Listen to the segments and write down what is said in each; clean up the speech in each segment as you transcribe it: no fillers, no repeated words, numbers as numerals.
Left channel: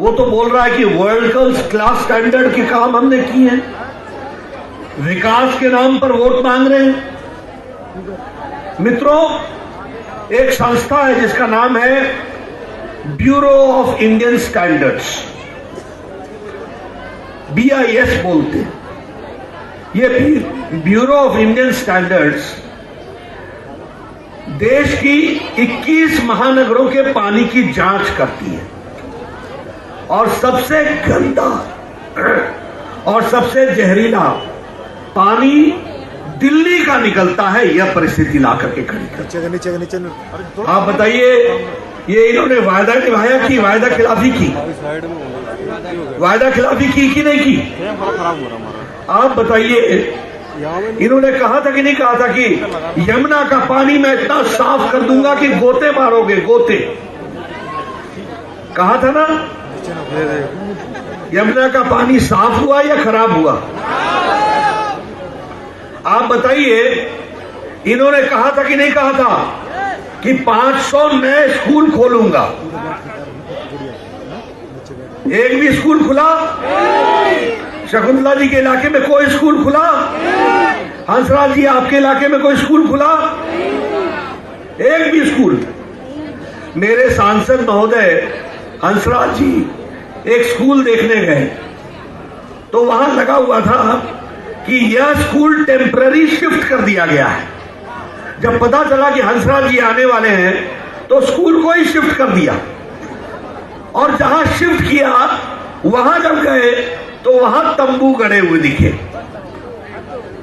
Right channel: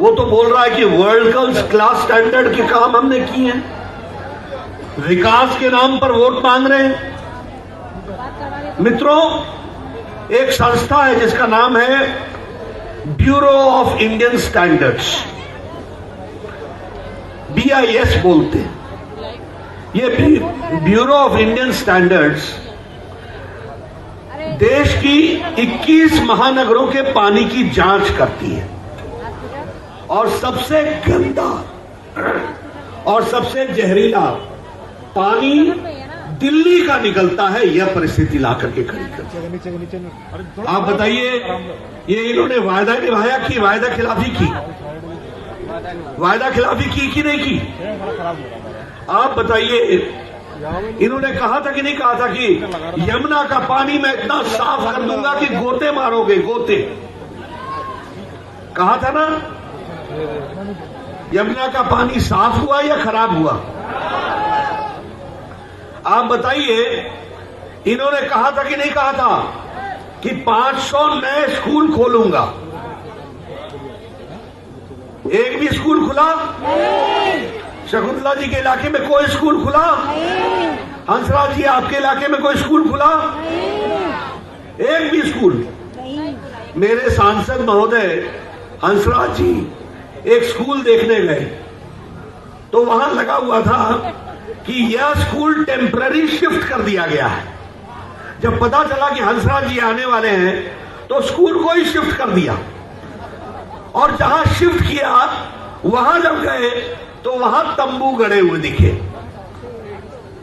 वो तो बोल रहा है कि वर्ल्ड क्लास स्टैंडर्ड के काम हमने किए हैं, विकास के नाम पर वोट मांग रहे हैं। मित्रों, एक संस्था है जिसका नाम है bureau of Indian standards, BIS बोलते हैं। ये ब्यूरो ऑफ इंडियन स्टैंडर्ड्स देश की 21 महानगरों के पानी की जांच करती है और सबसे गंदा और सबसे जहरीला पानी दिल्ली का निकलता है। यह परिस्थिति ला करके खड़ी कर। आप बताइए, ये इन्होंने वायदा निभाया कि वायदा खिलाफी की? वायदा खिलाफी की कि नहीं की? आप बताइए, इन्होंने कहा था कि नहीं कहा था कि यमुना का पानी मैं इतना साफ कर दूंगा कि गोते मारोगे, गोते? कहा था ना? यमुना का पानी साफ हुआ या खराब हुआ? आप बताइए, इन्होंने कहा था कि नहीं कहा था कि 500 नए स्कूल खोलूंगा? एक भी स्कूल खुला? शकुंतला जी के इलाके में कोई स्कूल खुला? हंसराज जी आपके इलाके में कोई स्कूल खुला? एक भी स्कूल? मेरे सांसद महोदय हंसराज जी एक स्कूल देखने गए तो वहां लगा हुआ था कि यह स्कूल टेम्पररी शिफ्ट कर दिया गया है। जब पता चला कि हंसराज जी आने वाले हैं तो स्कूल को ही शिफ्ट कर दिया, और जहां शिफ्ट किया वहां जब गए तो वहां तंबू गड़े हुए दिखे।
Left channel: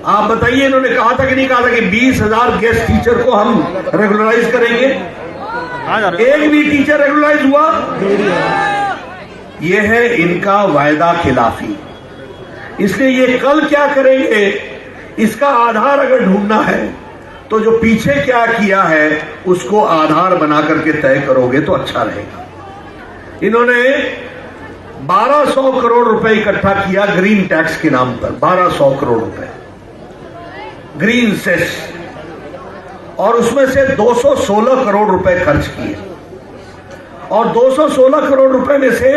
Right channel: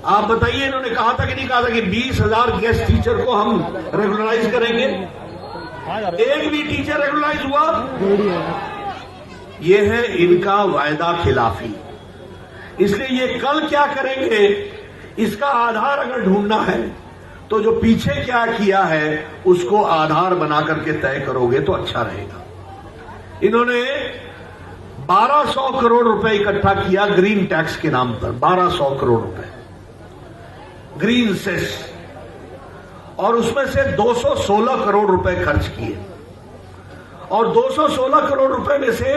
आप बताइए, इन्होंने कहा था कि नहीं कहा था कि 20,000 गेस्ट टीचर को हम रेगुलराइज करेंगे? एक भी टीचर रेगुलराइज हुआ? यह है इनका वायदा खिलाफी। इसलिए ये कल क्या करेंगे, इसका आधार अगर ढूंढना है तो जो पीछे क्या किया है उसको आधार बना करके तय करोगे तो अच्छा रहेगा। इन्होंने 1200 करोड़ रुपए इकट्ठा किया ग्रीन टैक्स के नाम पर, 1200 करोड़ रुपए ग्रीन सेस, और उसमें से 216 करोड़ रुपए खर्च किए, और 216 करोड़ रुपए में से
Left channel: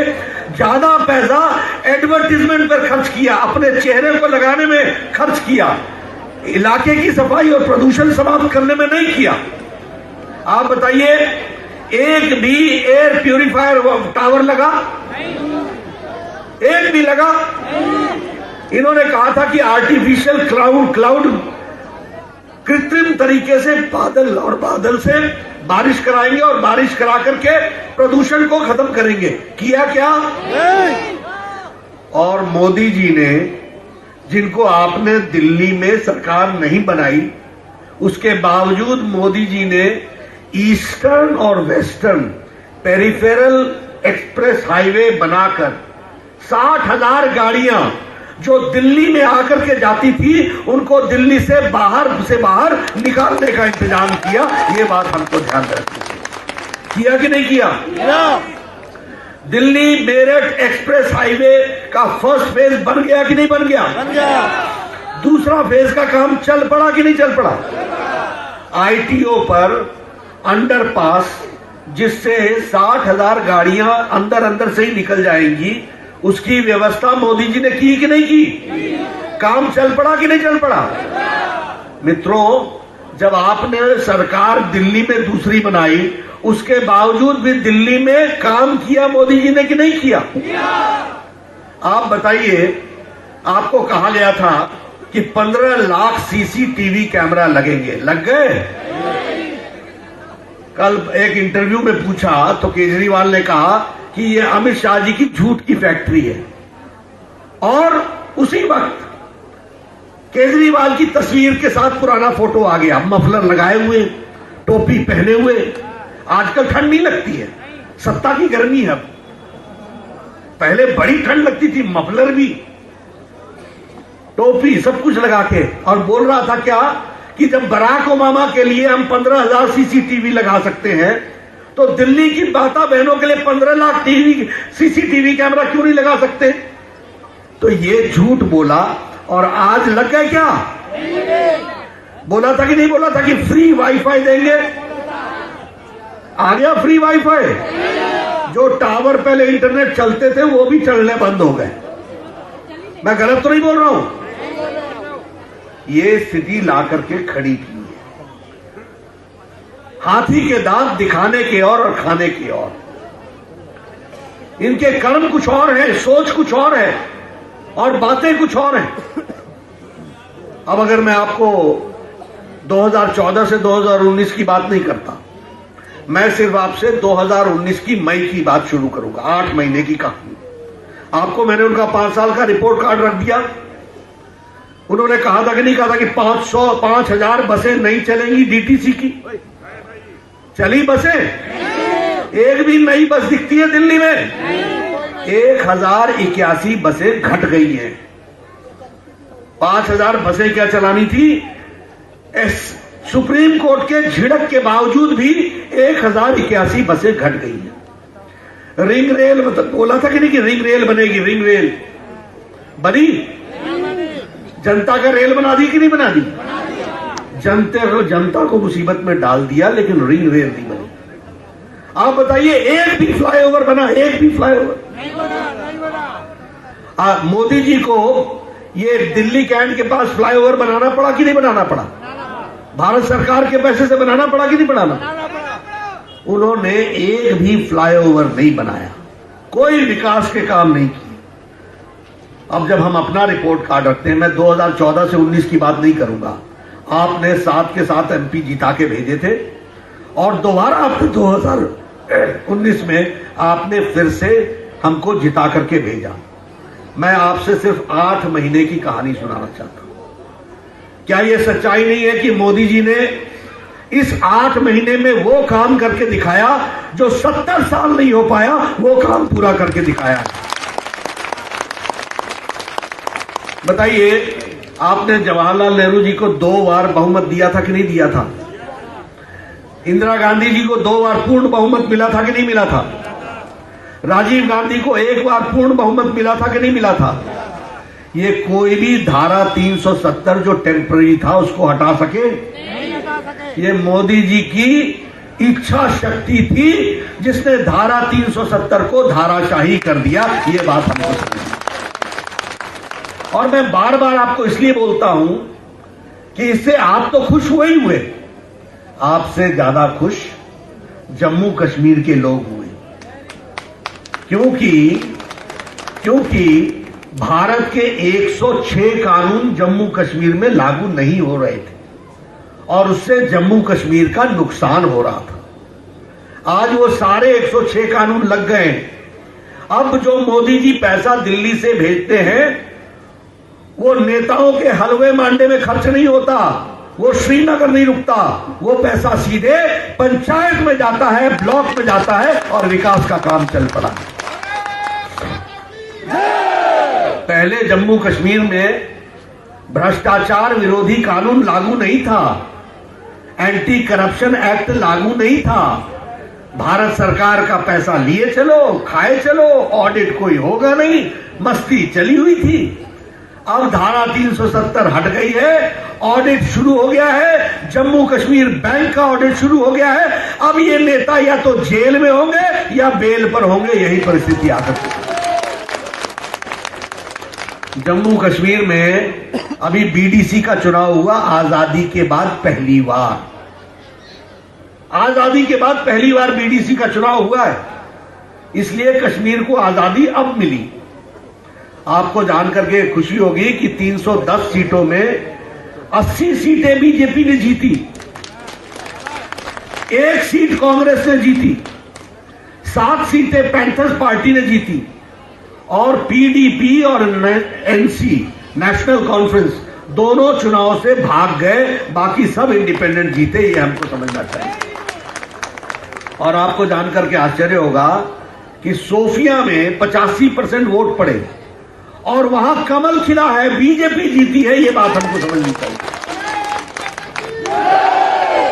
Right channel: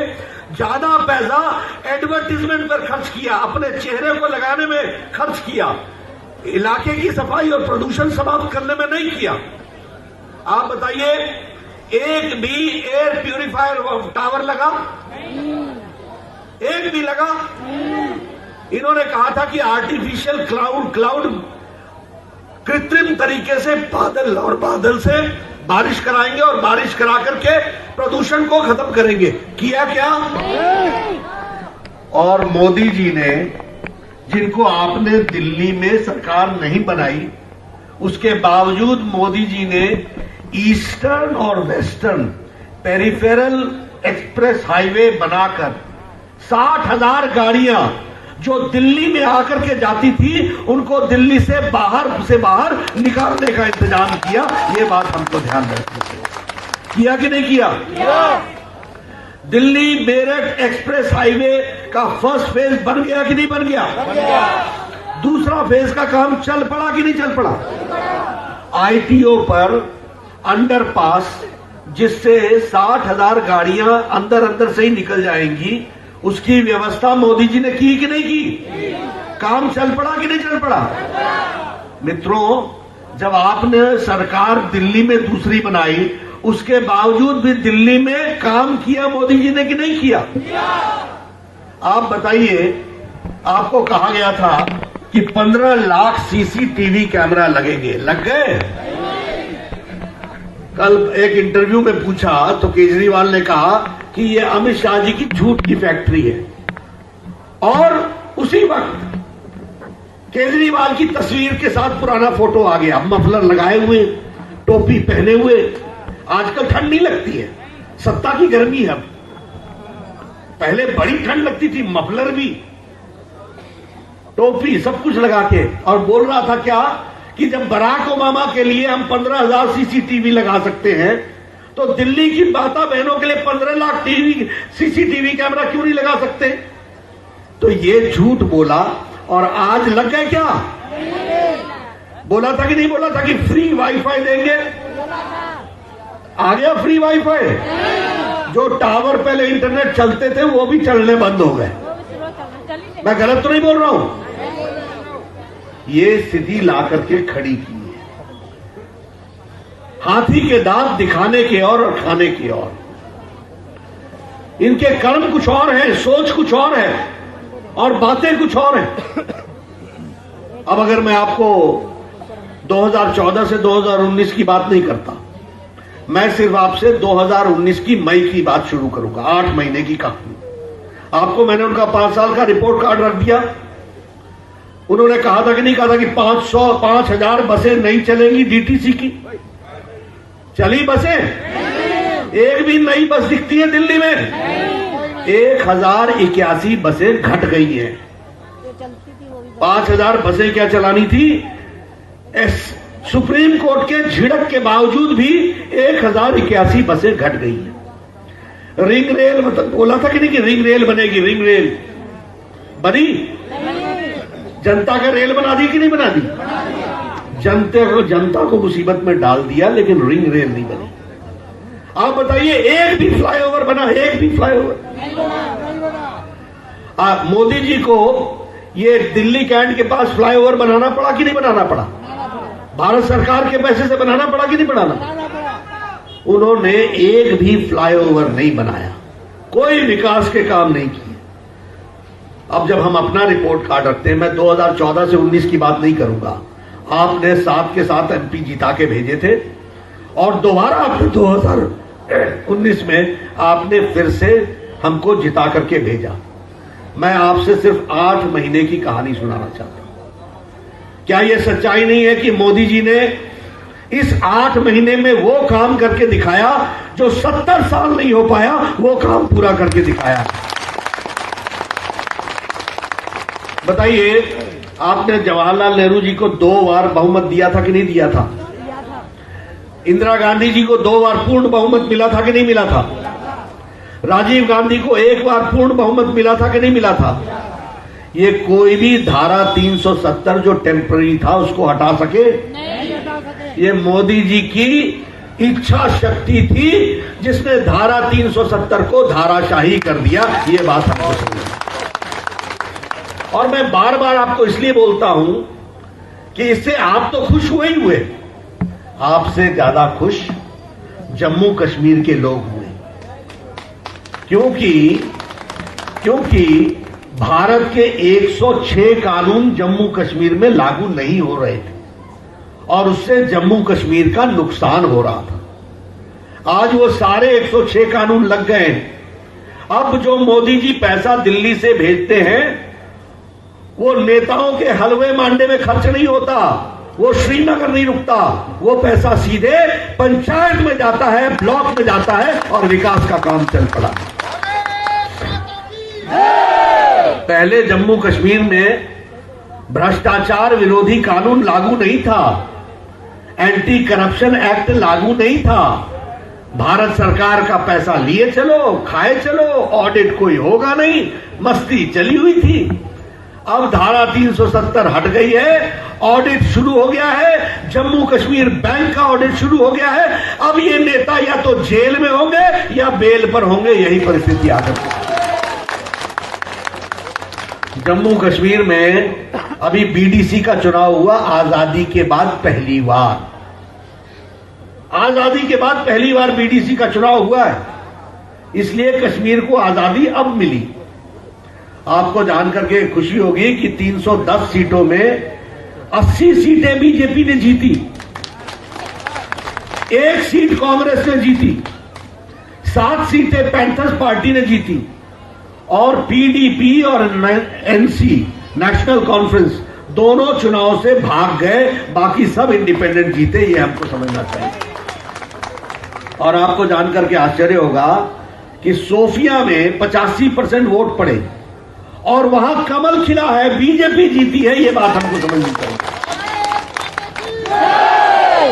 ज्यादा पैसा एडवर्टीजमेंट पर खर्च किया, अपने चेहरे को लगाने में खर्च किया, इलाके की सफाई और प्रदूषण समाप्त करने में नहीं किया। आप बताइए, एक भी एयर प्यूरिफायर टावर लगा? एक भी लगा? इन्होंने कहा था कि आर्टिफिशियल क्लाउड कृत्रिम तरीके से बादल से बारिश कराएंगे और बारिश करा करके प्रदूषण को खत्म करेंगे। किया क्या? और मोदी जी ने, जिनको आपने दिल्ली में सरकार नहीं बनाई, उसके बावजूद मोदी जी ने ईस्टर्न और वेस्टर्न पेरिफेरल एक्सप्रेस हाईवे बनाकर 60,000 गाड़ियां जो दिल्ली में आकर के जाती थी उनको दिल्ली से बाहर निकालने का इंतजाम किया। ये बात हमको ध्यान रखनी। किया कि नहीं किया? दिल्ली मेरठ एक्सप्रेस हाईवे का फर्स्ट फेज बन गया कि नहीं बन गया? बन गया। दूसरा फेज का काम चल पड़ा कि नहीं चल पड़ा? ITO पर अंडरपास, जिससे 60,000 गाड़ियां अंदर से ही निकल जाएंगी, उसकी व्यवस्था मोदी जी ने की कि नहीं की? काम चल पड़ा कि नहीं चल पड़ा? मित्रों, जब आपने सरकार दिल्ली में दूसरी बनाई, उसके बावजूद भी दिल्ली में काम किया मोदी जी ने कि नहीं किया? आप बताइए, आपको कहा गया था कि 15 लाख CCTV कैमरा लगेंगे, लग गए? कल एक इंटरव्यू में पूछा तो केजरीवाल ने कहा कि ये अमित शाह जी की झूठ की फैक्ट्री है, और उसी वक्त केजरीवाल की तस्वीर के साथ पुराना फोटो आ गया, मफलर लगाए हुए, टोपी पहने हुए। आजकल ठंड नहीं लगती है, सत्ता की गर्मी है। पहले बड़ी ठंड लगती थी, मफलर भी, टोपी, सब कुछ लगा के, और बोल रहा था क्या कि जब बराक ओबामा के लिए हम 15,000 CCTV लगा सकते हैं तो दिल्ली की माता बहनों के लिए 15 लाख CCTV कैमरा क्यों नहीं लगा सकते? तो ये झूठ बोला, और आज लग गए क्या? बोला था कि नहीं बोला था कि फ्री वाईफाई देंगे? आ गया फ्री वाईफाई? जो टावर पहले इंटरनेट चलते थे वो भी चलने बंद हो गए। मैं गलत तो नहीं बोल रहा हूं? ये स्थिति ला करके खड़ी की है। हाथी के दांत दिखाने के और खाने के और। इनके कर्म कुछ और है, सोच कुछ और है और बातें कुछ और हैं। अब अगर मैं आपको 2014 से 2019 की बात नहीं करता, मैं सिर्फ आपसे 2019 की मई की बात शुरू करूंगा। 8 महीने की कहानी। आपको मैंने उनका 5 साल का रिपोर्ट कार्ड रख दिया। उन्होंने कहा था कि नहीं कहा था कि 5000 बसें नहीं चलेंगी डीटीसी की? चली बसें? एक भी नई बस दिखती है दिल्ली में? 1081 बसें घट गई हैं। 5000 बसें क्या चलानी थी? सुप्रीम कोर्ट के झिड़क के बावजूद भी 1081 बसें घट गई हैं। रिंग रेल मतलब बोला था कि नहीं कि रिंग रेल बनेगी? रिंग रेल बनी? जनता का रेल बना दी कि नहीं बना दी? जनता को मुसीबत में डाल दिया, लेकिन रिंग रेल नहीं बनी। आप बताइए, एक भी फ्लाईओवर बना? एक भी फ्लाईओवर? मोदी जी को ये दिल्ली कैंट के पास फ्लाईओवर बनाना पड़ा कि नहीं बनाना पड़ा? भारत सरकार के पैसे से बनाना पड़ा कि नहीं बनाना? उन्होंने एक भी फ्लाईओवर नहीं बनाया, कोई विकास के काम नहीं किए। अब जब हम अपना रिपोर्ट कार्ड रखते हैं, मैं 2014 से 19 की बात नहीं करूंगा। आपने 7 के 7 एमपी जिता के भेजे थे और दोबारा आपने 2019 में आपने फिर से हमको जिता करके भेजा। मैं आपसे सिर्फ 8 महीने की कहानी सुनाना चाहता हूं। क्या यह सच्चाई नहीं है कि मोदी जी ने इस 8 महीने में वो काम करके दिखाया जो 70 साल नहीं हो पाया, वो काम पूरा करके दिखाया? बताइए, आपने जवाहरलाल नेहरू जी को 2 बार बहुमत दिया था कि नहीं दिया था? इंदिरा गांधी जी को 2 बार पूर्ण बहुमत मिला था कि नहीं मिला था? राजीव गांधी को 1 बार पूर्ण बहुमत मिला था कि नहीं मिला था? ये कोई भी धारा 370 जो टेम्पररी था उसको हटा सके? ये मोदी जी की इच्छा शक्ति थी जिसने धारा 370 को धाराशाही कर दिया। ये बात हमको समझना। और मैं बार बार आपको इसलिए बोलता हूं कि इससे आप तो खुश हुए ही हुए, आपसे ज्यादा खुश जम्मू कश्मीर के लोग हुए। क्योंकि भारत के 106 कानून जम्मू कश्मीर में लागू नहीं हो रहे थे और उससे जम्मू कश्मीर का नुकसान हो रहा था। आज वो सारे 106 कानून लग गए। अब जो मोदी जी पैसा दिल्ली से भेजते हैं, वो नेताओं के हलवे मांडे में खर्च नहीं होता, वो श्रीनगर नहीं रुकता, वो पैसा सीधे पंचायत में जाता है, ब्लॉक में जाता है और विकास का काम चल पड़ा। पहले जम्मू कश्मीर में भ्रष्टाचार विरोधी कानून लागू नहीं था, एंटी करप्शन एक्ट लागू नहीं था। भारत सरकार का पैसा लिए चलो, खाए चलो, ऑडिट कोई होगा नहीं, मस्ती चली हुई थी। अब धारा 370 हट गई है, ऑडिट शुरू हो गया है, जम्मू कश्मीर बैंक का ऑडिट शुरू हो गया है। अब ये नेता या तो जेल में होंगे या बेल पर होंगे, यही परिस्थिति आ सकती है। जम्मू कश्मीर में अभी बीडीसी का चुनाव हुआ आजादी के बाद पहली बार। आजादी के बाद पहली बार बीडीसी का चुनाव हुआ है, इसलिए कश्मीर को आजादी अब मिली। आपको जानकर के खुशी होगी कि 310 सीटों में 80 सीटें बीजेपी ने जीती, 1 सीट कांग्रेस ने जीती, 7 सीटें पैंथर्स पार्टी ने जीती और पीडीपी और एनसी नेशनल कॉन्फ्रेंस दोनों चुनाव से भाग गए, बाकी सब इंडिपेंडेंट जीते। ये हमको समझना चाहिए। और आपको जानकर के आश्चर्य होगा कि सोफिया में 85% वोट पड़े और वहां कमल खिला है, बीजेपी जीती है। ये बात हमको समझनी चाहिए।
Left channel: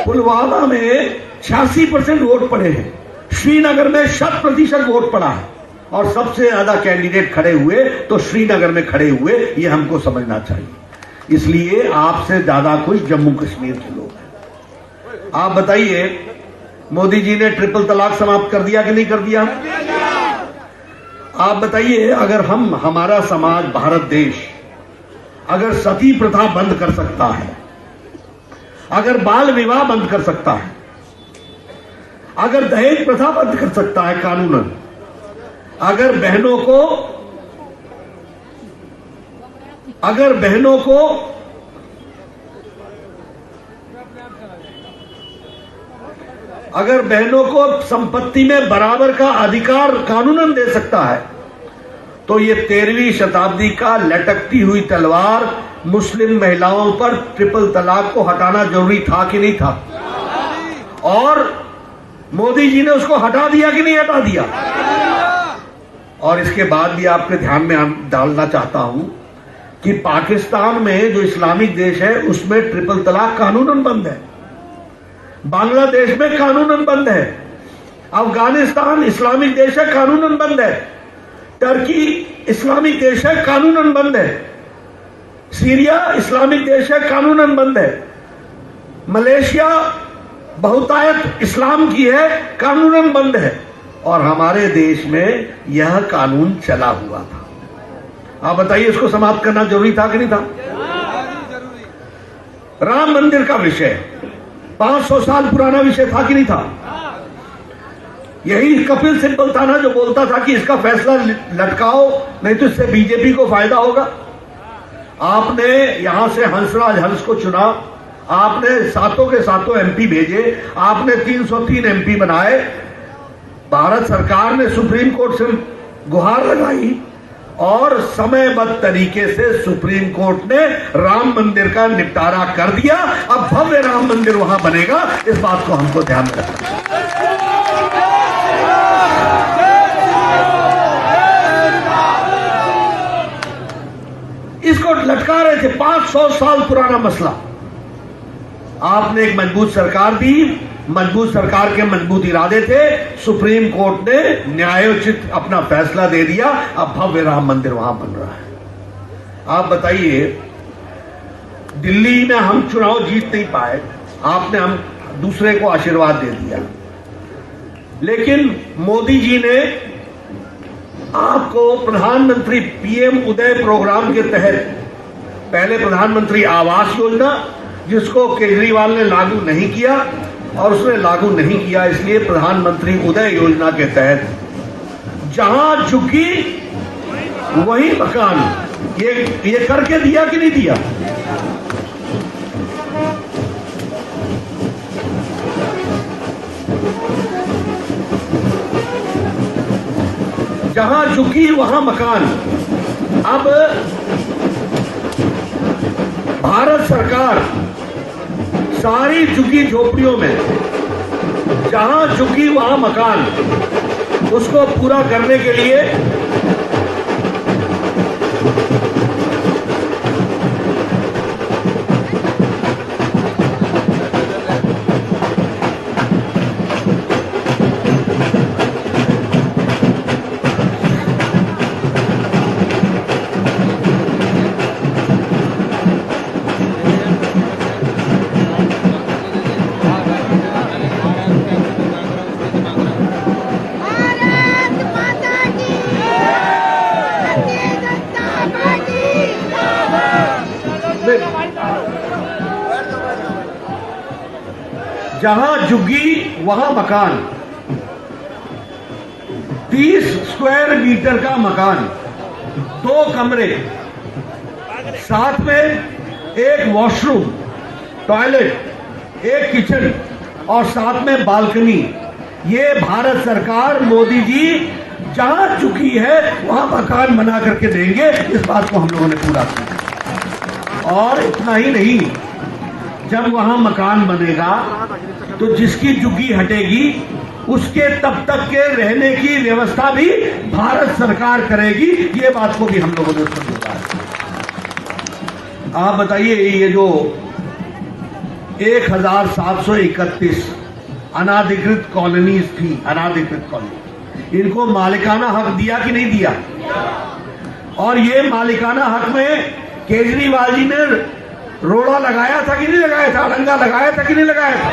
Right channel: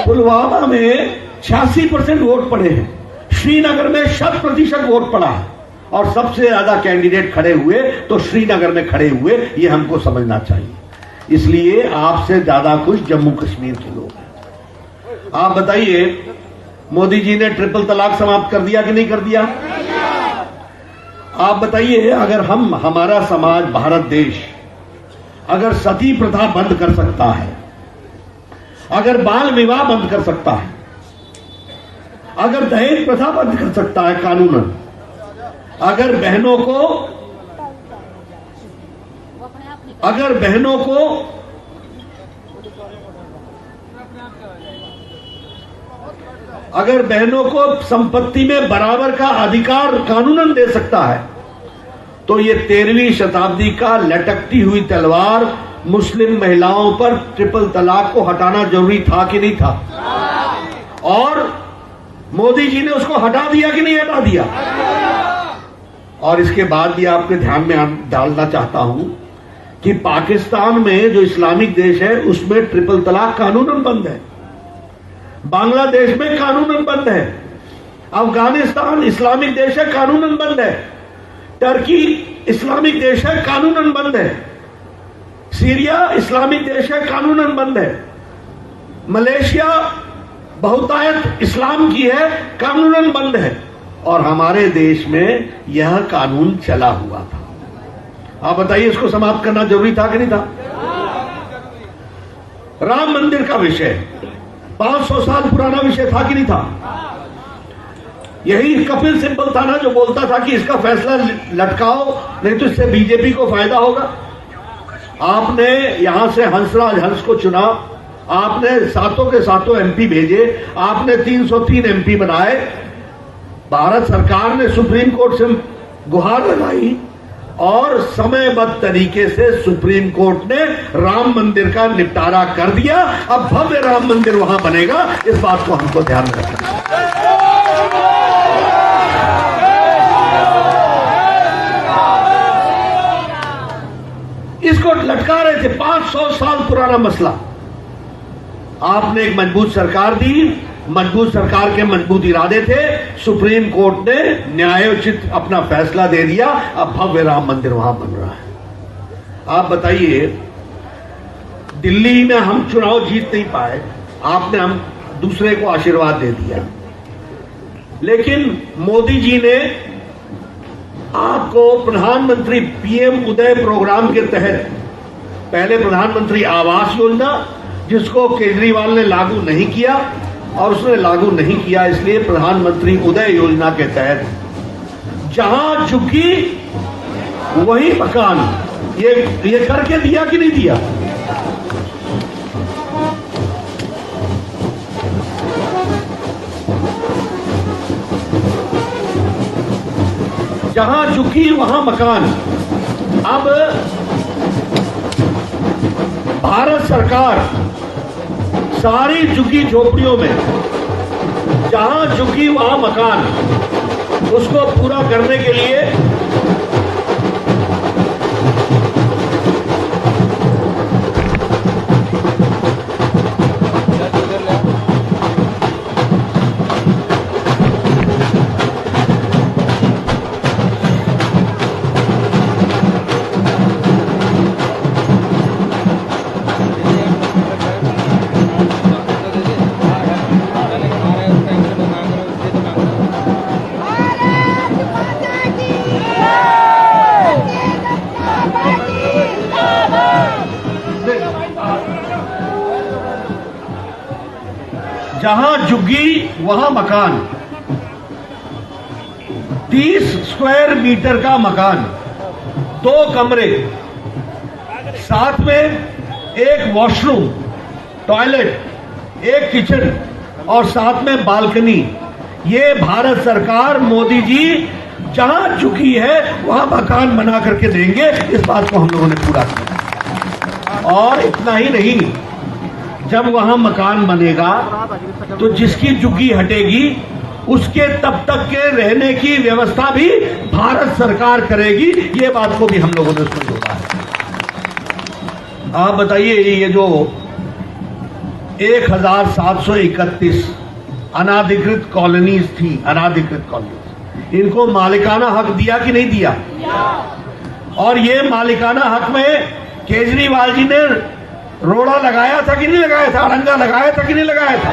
पुलवामा में 86% वोट पड़े हैं, श्रीनगर में 100% वोट पड़ा है और सबसे ज्यादा कैंडिडेट खड़े हुए तो श्रीनगर में खड़े हुए। ये हमको समझना चाहिए। इसलिए आपसे ज्यादा खुश जम्मू कश्मीर के लोग हैं। आप बताइए, मोदी जी ने ट्रिपल तलाक समाप्त कर दिया कि नहीं कर दिया? आप बताइए, अगर हमारा समाज, भारत देश अगर सती प्रथा बंद कर सकता है, अगर बाल विवाह बंद कर सकता है, अगर दहेज प्रथा बंद कर सकता है कानूनन, अगर बहनों को संपत्ति में बराबर का अधिकार कानूनन दे सकता है, तो ये 13वीं शताब्दी का लटकती हुई तलवार मुस्लिम महिलाओं पर ट्रिपल तलाक को हटाना जरूरी था कि नहीं था? और मोदी जी ने उसको हटा दिया कि नहीं हटा दिया? और इसके बाद भी आपके ध्यान में डालना चाहता हूं कि पाकिस्तान में जो इस्लामिक देश है उसमें ट्रिपल तलाक कानूनन बंद है, बांग्लादेश में कानूनन बंद है, अफगानिस्तान इस्लामिक देश है कानूनन बंद है, टर्की इस्लामिक देश है कानूनन बंद है, सीरिया इस्लामिक देश है कानूनन बंद है, मलेशिया बहुतायत इस्लाम की है कानूनन बंद है, और हमारे देश में यह कानून चला हुआ था। आप बताइए, इसको समाप्त करना जरूरी था कि नहीं था? राम मंदिर का विषय 500 साल पुराना विषय था कि नहीं था? यही कपिल सिब्बल था ना जो बोलता था कि इसका फैसला लटकाओ, नहीं तो इससे बीजेपी को फायदा होगा। आपने यहां से हंसराज हंस को चुना, आपने सातों के सातों एमपी भेजे, आपने 303 एमपी बनाए, भारत सरकार ने सुप्रीम कोर्ट से गुहार लगाई और समयबद्ध तरीके से सुप्रीम कोर्ट ने राम मंदिर का निपटारा कर दिया। अब भव्य राम मंदिर वहां बनेगा, इस बात को हमको ध्यान रखना है। इसको लटका रहे थे, 500 साल पुराना मसला। आपने एक मजबूत सरकार दी, मजबूत सरकार के मजबूत इरादे थे, सुप्रीम कोर्ट ने न्यायोचित अपना फैसला दे दिया, अब भव्य राम मंदिर वहां बन रहा है। आप बताइए, दिल्ली में हम चुनाव जीत नहीं पाए, आपने हम दूसरे को आशीर्वाद दे दिया, लेकिन मोदी जी ने आपको प्रधानमंत्री पीएम उदय प्रोग्राम के तहत पहले प्रधानमंत्री आवास योजना, जिसको केजरीवाल ने लागू नहीं किया, और उसने लागू नहीं किया इसलिए प्रधानमंत्री उदय योजना के तहत जहां झुकी वही मकान, ये करके दिया कि नहीं दिया? जहां झुकी वहां मकान। अब भारत सरकार सारी झुकी झोपड़ियों में जहां झुकी वहां मकान, उसको पूरा करने के लिए जहां झुग्गी वहां मकान, 30 स्क्वायर मीटर का मकान, 2 कमरे, साथ में एक वॉशरूम, टॉयलेट, एक किचन और साथ में बालकनी। ये भारत सरकार मोदी जी जहां झुकी है वहां मकान बना करके देंगे, इस बात को हम लोगों ने पूरा किया। और इतना ही नहीं, जब वहां मकान बनेगा तो जिसकी झुग्गी हटेगी उसके तब तक के रहने की व्यवस्था भी भारत सरकार करेगी, ये बात को भी हम लोगों ने समझा है। आप बताइए, ये जो 1731 अनाधिकृत कॉलोनीज थी, अनाधिकृत कॉलोनी, इनको मालिकाना हक दिया कि नहीं दिया? और ये मालिकाना हक में केजरीवाल जी ने रोड़ा लगाया था कि नहीं लगाया था? अड़ंगा लगाया था कि नहीं लगाया था?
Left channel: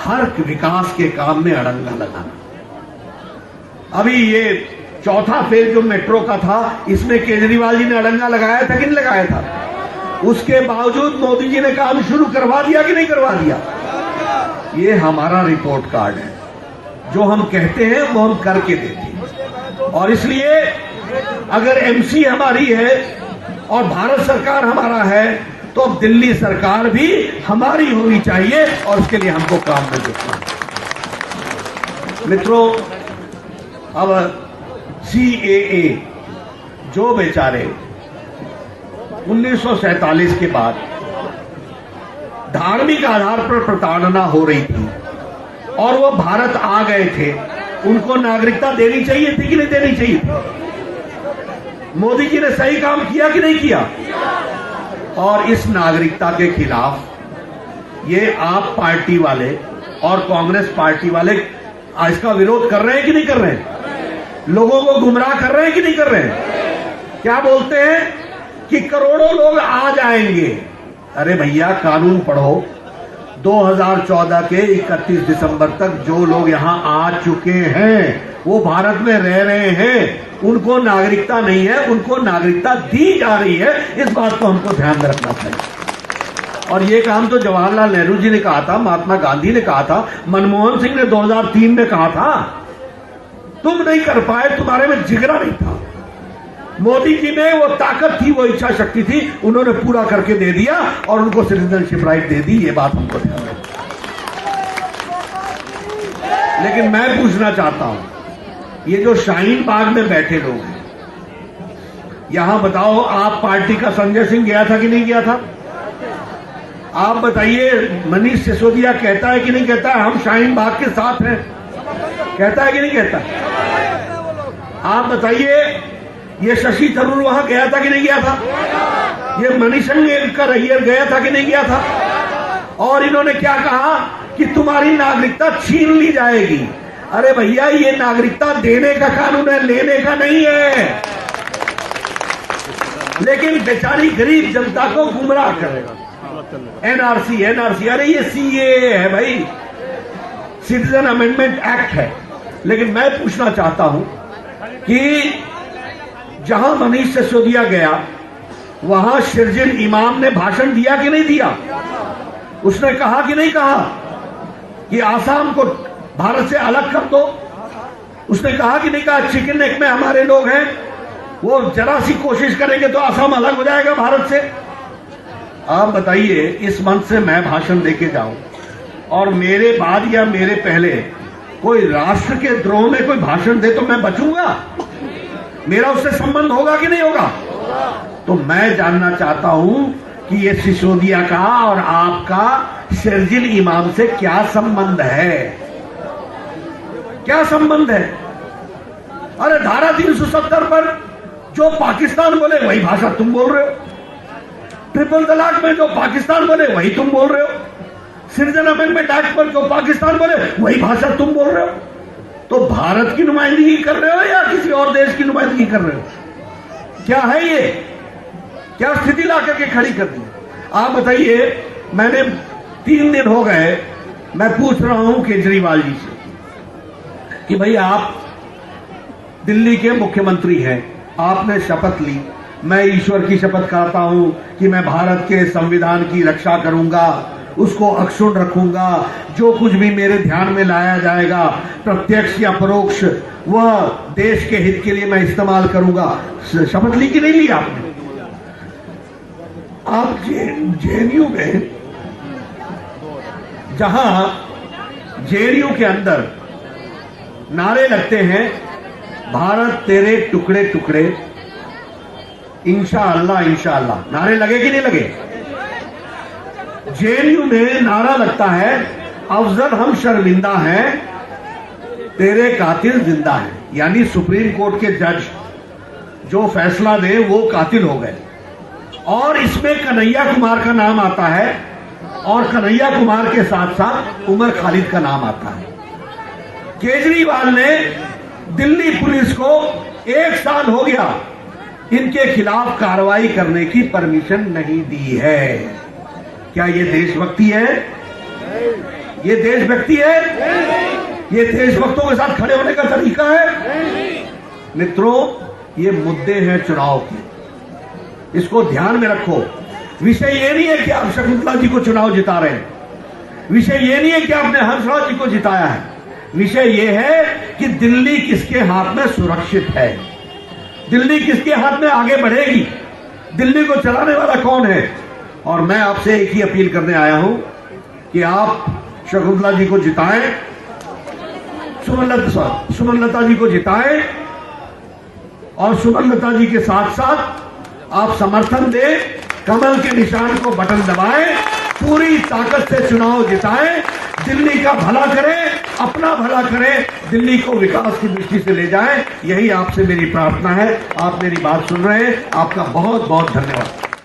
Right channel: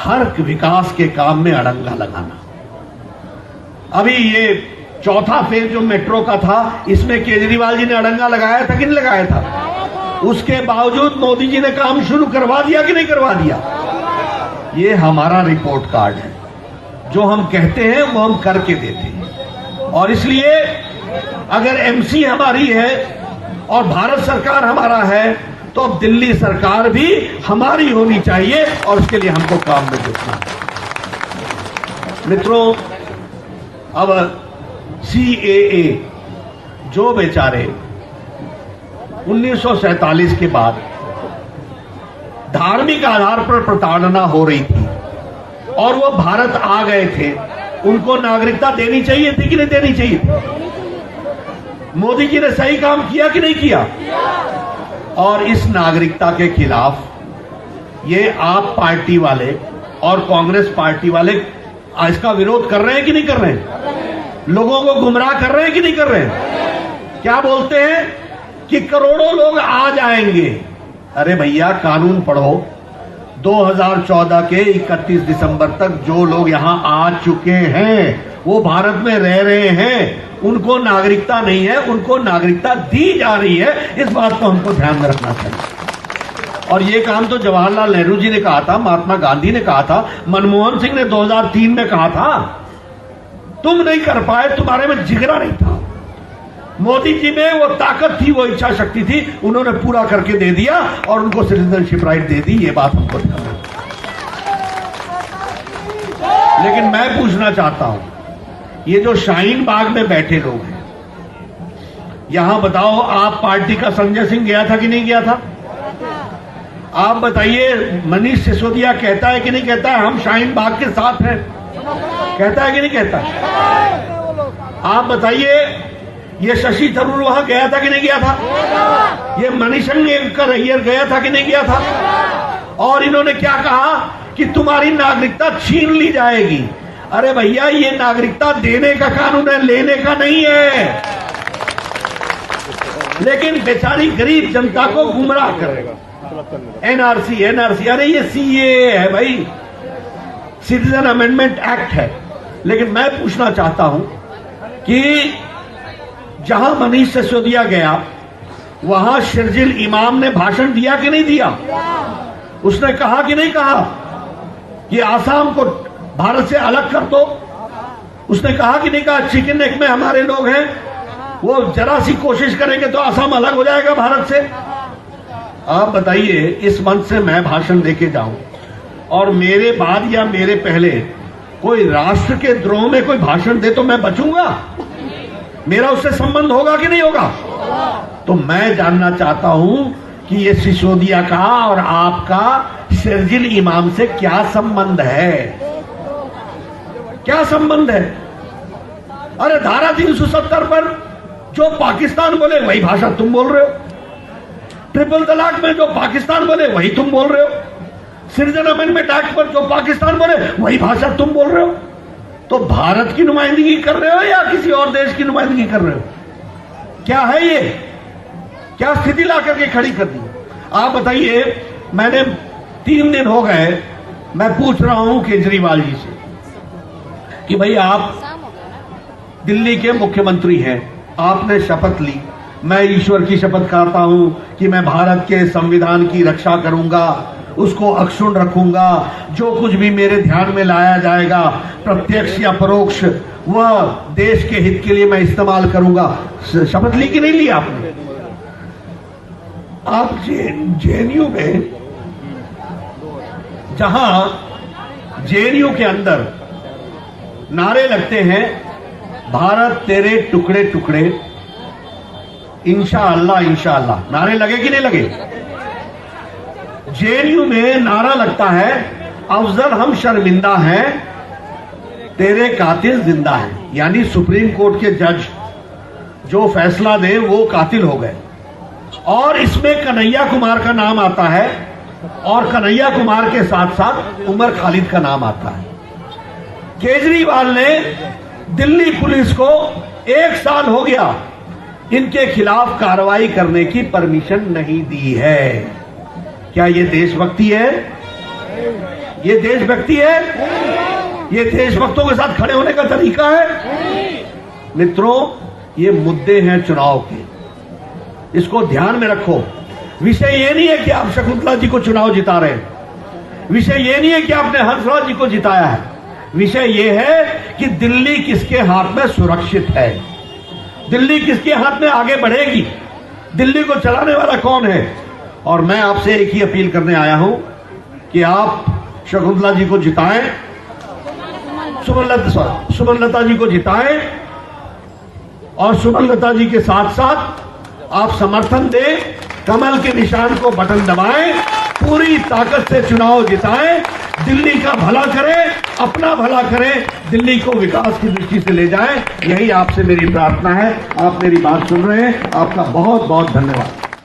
हर विकास के काम में अड़ंगा लगाना। अभी ये चौथा फेज जो मेट्रो का था, इसमें केजरीवाल जी ने अड़ंगा लगाया था कि नहीं लगाया था? उसके बावजूद मोदी जी ने काम शुरू करवा दिया कि नहीं करवा दिया? ये हमारा रिपोर्ट कार्ड है, जो हम कहते हैं वो हम करके देते हैं। और इसलिए अगर एमसी हमारी है और भारत सरकार हमारा है, तो दिल्ली सरकार भी हमारी होनी चाहिए और उसके लिए हमको काम में जुटना है। मित्रों, अब CAA जो बेचारे 1947 के बाद धार्मिक आधार पर प्रताड़ना हो रही थी और वो भारत आ गए थे, उनको नागरिकता देनी चाहिए थी कि नहीं देनी चाहिए थी? मोदी जी ने सही काम किया कि नहीं किया? और इस नागरिकता के खिलाफ ये आप पार्टी वाले और कांग्रेस पार्टी वाले इसका विरोध कर रहे हैं कि नहीं कर रहे हैं? लोगों को गुमराह कर रहे हैं कि नहीं कर रहे हैं? क्या बोलते हैं कि करोड़ों लोग आ जाएंगे। अरे भैया, कानून पढ़ो। 2014 के 31 दिसंबर तक जो लोग यहां आ चुके हैं, वो भारत में रह रहे हैं, उनको नागरिकता नहीं है, उनको नागरिकता दी जा रही है। इस बात को हमको ध्यान में रखना चाहिए। और ये काम तो जवाहरलाल नेहरू जी ने कहा था, महात्मा गांधी ने कहा था, मनमोहन सिंह ने 2003 में कहा था। तुम नहीं कर पाए, तुम्हारे में जिगरा नहीं था। मोदी जी में वो ताकत थी, वो इच्छा शक्ति थी, उन्होंने पूरा करके दे दिया और उनको सिटीजनशिप राइट दे दी। ये बात हमको ध्यान रखना। लेकिन मैं पूछना चाहता हूं, ये जो शाहीन बाग में बैठे लोग हैं, यहां बताओ, आप पार्टी का संजय सिंह गया था कि नहीं गया था? आप बताइए, मनीष सिसोदिया कहता है कि नहीं कहता है हम शाहीन बाग के साथ हैं? कहता है कि नहीं कहता? आप बताइए, ये शशि थरूर वहां गया था कि नहीं गया था? ये मणिशंकर अय्यर गया था कि नहीं गया था? और इन्होंने क्या कहा कि तुम्हारी नागरिकता छीन ली जाएगी। अरे भैया, ये नागरिकता देने का कानून है, लेने का नहीं है। लेकिन बेचारी गरीब जनता को गुमराह करेगा। एनआरसी, अरे ये CAA है भाई, सिटीजन अमेंडमेंट एक्ट है। लेकिन मैं पूछना चाहता हूं कि जहां मनीष सिसोदिया गया, वहां शर्जिल इमाम ने भाषण दिया कि नहीं दिया? उसने कहा कि नहीं कहा कि आसाम को भारत से अलग कर दो? उसने कहा कि नहीं कहा चिकन नेक में हमारे लोग हैं, वो जरा सी कोशिश करेंगे तो आसाम अलग हो जाएगा भारत से? आप बताइए, इस मंच से मैं भाषण देके जाऊं और मेरे बाद या मेरे पहले कोई राष्ट्र के द्रोह में कोई भाषण दे तो मैं बचूंगा? मेरा उससे संबंध होगा कि नहीं होगा? तो मैं जानना चाहता हूं कि ये सिसोदिया का और आपका शर्जिल इमाम से क्या संबंध है? क्या संबंध है? अरे धारा 370 पर जो पाकिस्तान बोले वही भाषा तुम बोल रहे हो। ट्रिपल तलाक में जो पाकिस्तान बोले वही तुम बोल रहे हो। सिटीजन अमेंडमेंट एक्ट पर जो पाकिस्तान बोले वही भाषा तुम बोल रहे हो। तो भारत की नुमाइंदगी कर रहे हो या किसी और देश की नुमाइंदगी कर रहे हो? क्या है ये? क्या स्थिति ला करके खड़ी कर दी? आप बताइए। मैंने 3 दिन हो गए, मैं पूछ रहा हूं केजरीवाल जी से कि भाई आप दिल्ली के मुख्यमंत्री हैं, आपने शपथ ली, मैं ईश्वर की शपथ करता हूं कि मैं भारत के संविधान की रक्षा करूंगा, उसको अक्षुण्ण रखूंगा, जो कुछ भी मेरे ध्यान में लाया जाएगा प्रत्यक्ष या परोक्ष वह देश के हित के लिए मैं इस्तेमाल करूंगा। शपथ ली कि नहीं ली आपने? आप JNU में, जहां JNU के अंदर नारे लगते हैं, भारत तेरे टुकड़े टुकड़े, इंशाअल्लाह इंशाअल्लाह, नारे लगे कि नहीं लगे? JNU में नारा लगता है, अफजल हम शर्मिंदा हैं, तेरे कातिल जिंदा है। यानी सुप्रीम कोर्ट के जज जो फैसला दे वो कातिल हो गए। और इसमें कन्हैया कुमार का नाम आता है और कन्हैया कुमार के साथ साथ उमर खालिद का नाम आता है। केजरीवाल ने दिल्ली पुलिस को 1 साल हो गया इनके खिलाफ कार्रवाई करने की परमिशन नहीं दी है। क्या ये देशभक्ति है? ये देशभक्ति है? ये देशभक्तों के साथ खड़े होने का तरीका है? मित्रों, ये मुद्दे हैं चुनाव के, इसको ध्यान में रखो। विषय ये नहीं है कि आप शकुंतला जी को चुनाव जिता रहे हैं, विषय ये नहीं है कि आपने हंसराज जी को जिताया है, विषय ये है कि दिल्ली किसके हाथ में सुरक्षित है, दिल्ली किसके हाथ में आगे बढ़ेगी, दिल्ली को चलाने वाला कौन है। और मैं आपसे एक ही अपील करने आया हूं कि आप शकुंतला जी को जिताएं, सुमनलता जी को जिताएं, और सुमनलता जी के साथ साथ आप समर्थन दें, कमल के निशान को बटन दबाएं, पूरी ताकत से चुनाव जिताएं, दिल्ली का भला करें, अपना भला करें, दिल्ली को विकास की दृष्टि से ले जाएं। यही आपसे मेरी प्रार्थना है। आप मेरी बात सुन रहे हैं, आपका बहुत बहुत धन्यवाद।